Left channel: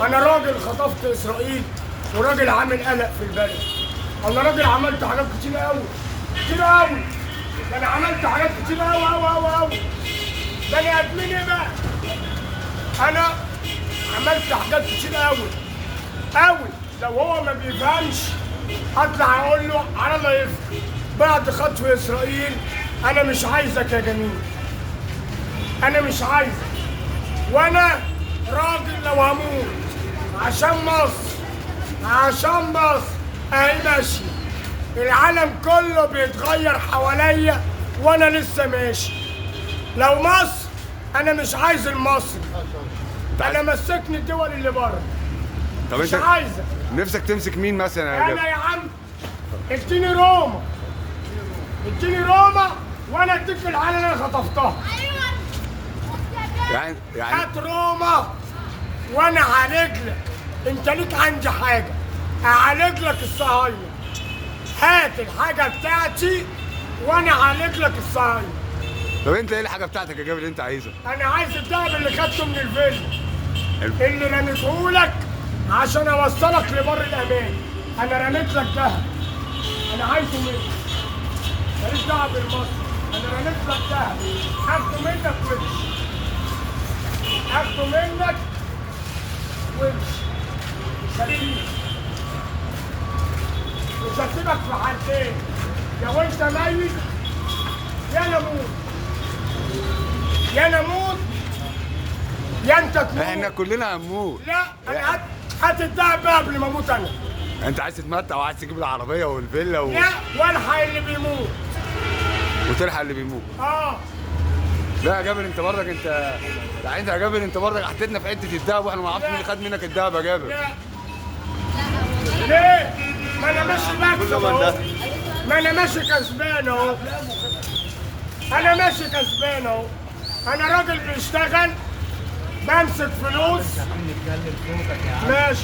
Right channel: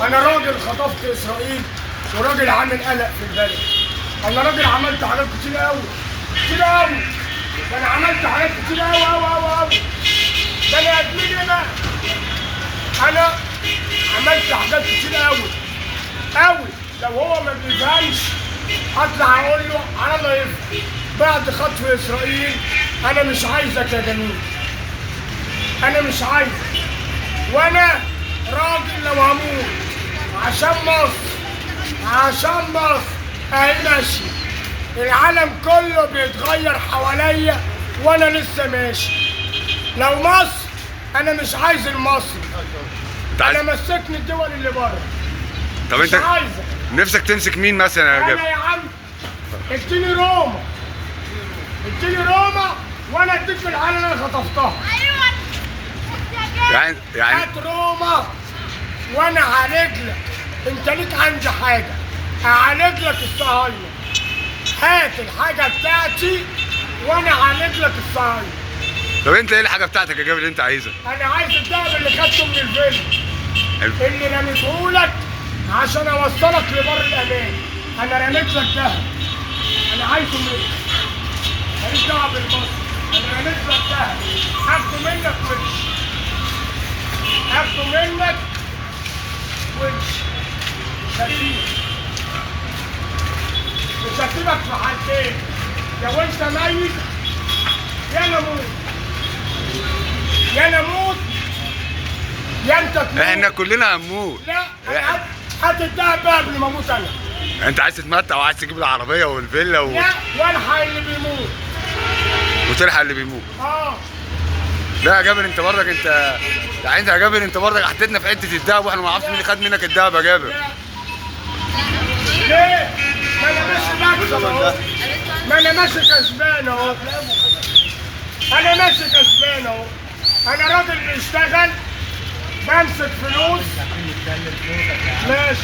انا راجل خطفت اسرائيل وراجل عامل قلق في البلد. انا راجل عملت حاجات كتير قوي كتير قوي. ده انا عملت حاجات كتير قوي قوي قوي قوي. ده انا ادمني بقى. انا عملت حاجات كتير قوي قوي. لو هو ما بيفهمش اطلع اقول له على الله يفهم. بعد خطف اسرائيل انا مش عايزك يا جميل. انا مش عايزك. وانا راجل لو هموت عشان مصر عشان مصر اهي ماشي. العالم كله بيتغير حواليا وانا لسه ماشي. لو مصر انا مش عايز المصري. انا مسكني الدول اللي بره. طب مش انت عايزك. نفسك تمسك مين مثلا يا جابر؟ انا يا عم اديني روما. اديني روما وانا اديك العالم اللي انا خطفتها. يعني هات روما وانا هعالج لك. انت ليك عندي حاجه هعالج لك الصهاينه. هات الحاجه بتاعتي وانا هعالج لك الصهاينه. طب انت ايه الحاجه بتاعتك يا جابر اللي انت عايزها؟ انا عايز الدهب اللي خدته من الفيلم اللي رميتهولك عشان اوصلك لبر الامان. انا رميت لك دهب. انا عايزه منك. ماليش دعوه بالمصري. انا رميت لك دهب. هاخده منك وش. هاخده منك وش. مش هسيبك. مش هسيبك في حالتين. يا وانت ميت يا نموت. يا نموت يا انت تموت. احنا كلنا هنموت. لا هات الدهب بقى قبل ما اموت انا. انت عايز تتمتع وعايز تجيب العربيه والفيلا لا والحق اللي بيموت. وتلحق اللي بيموت. لا يا جابر انت برضك يعني انت يا جابر انت برضك حطيتنا في حته الدهب واحنا ما نعرفش مين اللي خد منك الدهب يا جابر. ليه؟ ما انا ماشي مكسب اهو. ما انا ماشي كسبان اهو. انا ماشي كسبان اهو. انا راجل بيشتغل بمسك فلوس ماشي.